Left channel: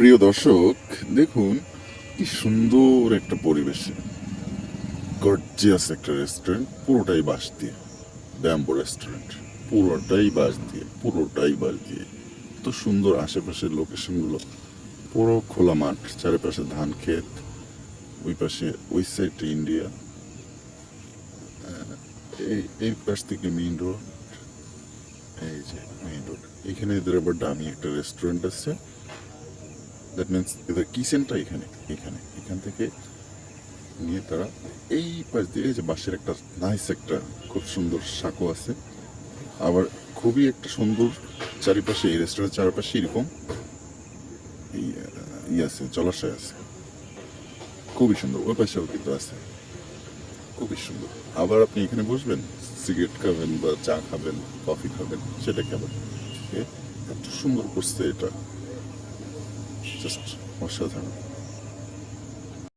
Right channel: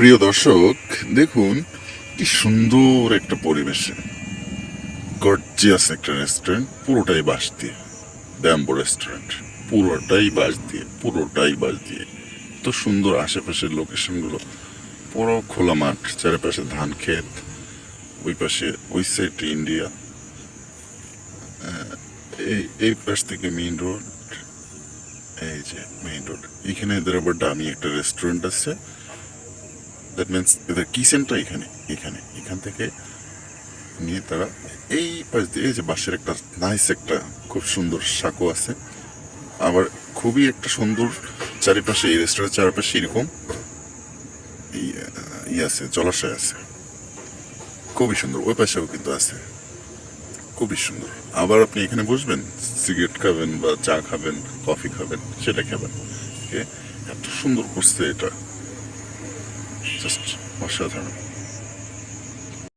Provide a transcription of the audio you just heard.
প্রিয় দর্শক, দেখুন কি সুন্দর একটা পরিবেশে গর্জিয়াস একটা রেস্টুরেন্ট, পুরোটাই বাঁশ দিয়ে। ব্যাম্বো রেস্টুরেন্ট, পুরোটাই বাঁশ দিয়ে। তো সুন্দর আশেপাশের লোকেশনগুলো, পুরো খোলা মাঠ, চারিপাশে ধান ক্ষেত, ওই পাশে ওই সাইডে ইন্ডিয়া, এই এই পাশ থেকে মেইন রোড। এই যে মেইন রোড, এখানে এদের আবার দামি একটা রেস্টুরেন্ট আছে। দ্যাট মিনস এদের কিচেনটা এখানে এখানে এখান থেকে নিয়ে তারা এই পাশ দিয়ে, এই যে বাঁশের একটা নাইস একটা খুব সুন্দর সাঁকো আছে। আবার খুবই একটা সুন্দর চারিপাশে, এই রেস্টুরেন্টের চারপাশে এরকম আছে, জলাশয় আছে, খুবই সুন্দর। ওই পাশেও কিন্তু আছে, খুবই সুন্দর। আবার আপনি এখানে বসবেন, সিগারেট খাবেন বা চা খাবেন, কফি খাবেন, সেটা খাবেন। এত সুন্দর করছে এটা, জাস্ট অসাধারণ।